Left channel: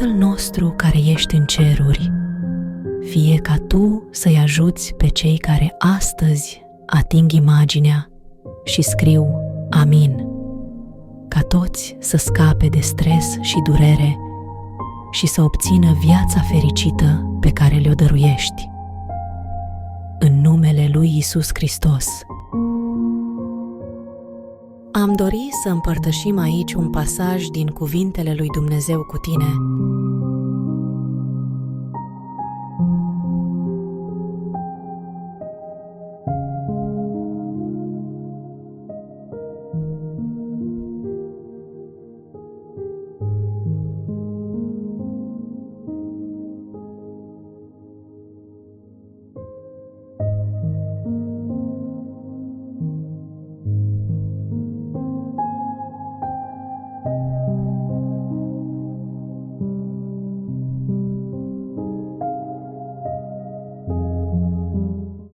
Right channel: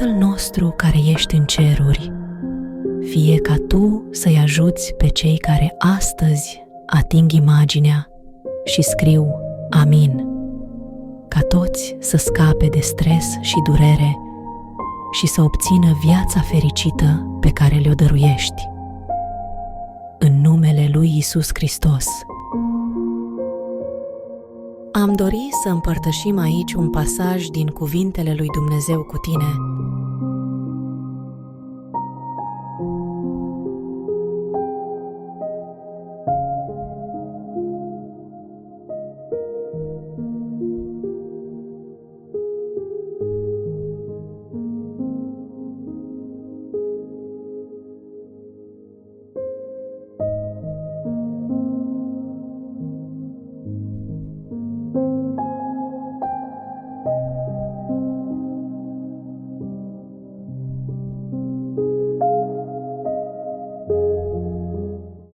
Tatăl nostru care ești în ceruri, fie ca Tu să-i ajuți pe cei care astăzi ating imaginea și scriu Amin, ca toți să scape de stres și durere și să obțină viața fericită pe care le-o dăruiești. În numele lui Iisus Hristos. Am dorit să împărtășim aici un pasaj din cuvintele lui Dumnezeu cu tine,